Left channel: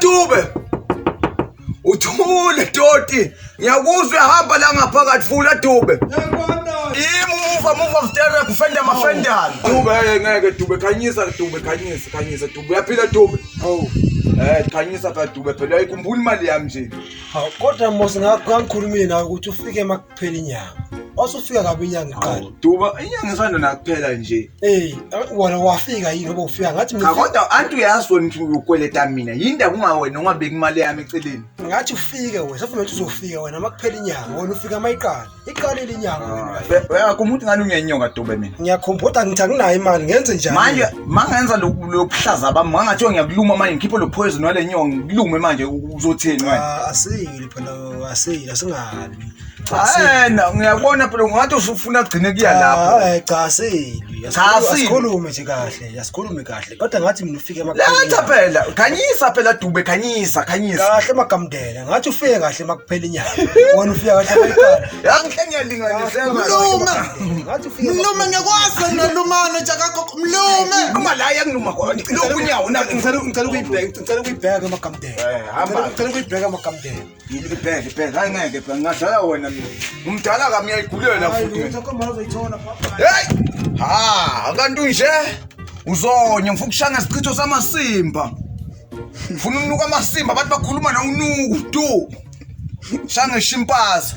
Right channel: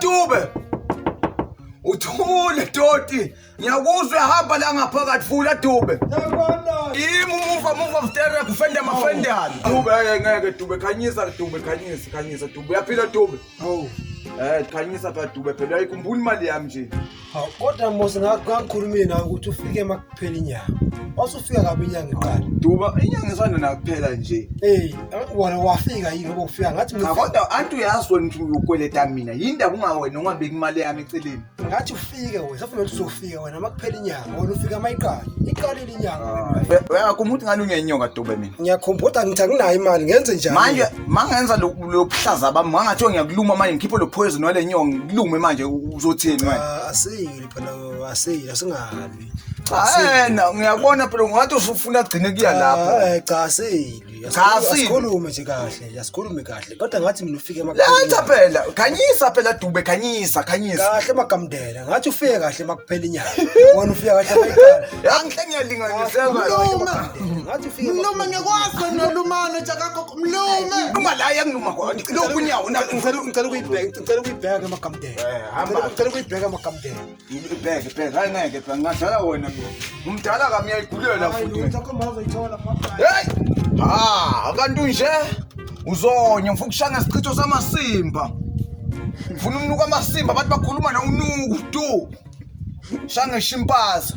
Dube. Uthule Doti. Ngiyakuzwa ehamba la ngaphakathi fula Dube. Move stereo kufenda mafendana. Dube ngeke Dube khanyisa Dube khanyisa Dube uyaphila Dube. Hawu. Khanyisa phela Dube phela ayikhumbula imali yami nje. Hawu kodwa mos ngakhulumini nawe ukuthi ufike makuphela inyanga. Wasufika kabi inyanga iqala. Dube inyanga isanda nakuphela nje. Wena wafika yini ngoba ufika ngathi Cha kodwa antu uyazi wena ukuthi ukweleta mina. Yinda kungawena ungabeki imali yami eceleni. Ngathi ufike wena safuna ukuthi uzofika wena makuphela inyanga wena ufika mayiqala. Iqalile inyanga. Uyakumuntu ngani ungenyoka Dube mina. Ngiyakhumbula ngithi anginayo imali ngenze njani? Manje mangenza lokuhlaza bami mangathiwa ngiyakuluma manje ngikhiphe lo poison wale nyongo ngikulume manje uzotheni wena. Asiyile phela asiyile singabi. Ngiyabona phela ungathi ufuna kugcine kuya lapho. Cha asiyile. Asikhulume nje kahle, asikhulume kahle. Kodwa ngathi mina ufike emakhaya. Letha phela, khanyisa phela Dube khanyisa. Kahle magamdela. Ngathi ufike kahle makuphela inyanga. Wena ufika kahle mayiqala. Angihle ngiyalinganisela. Ngathi ufike. Mlume ngekwazi nelumano jakakho mlume. Uma la yangiluma khona. Lokhu nyawo na ngicela ukuyibheka emagamdela. Hamba ngicela ukuyibheka emagamdela. Ibheke angeke phela ngadala wena mina. Umdala kami uyayigulela futhi. Uzokhomba uzoyithola papa. Hey! Abantu nje uzonya ngifuna ukushanga isichitho samasimba. Ngifuna umnuka amasimba abantu bakhuluma na unuku tu. Shanga ishimpaza.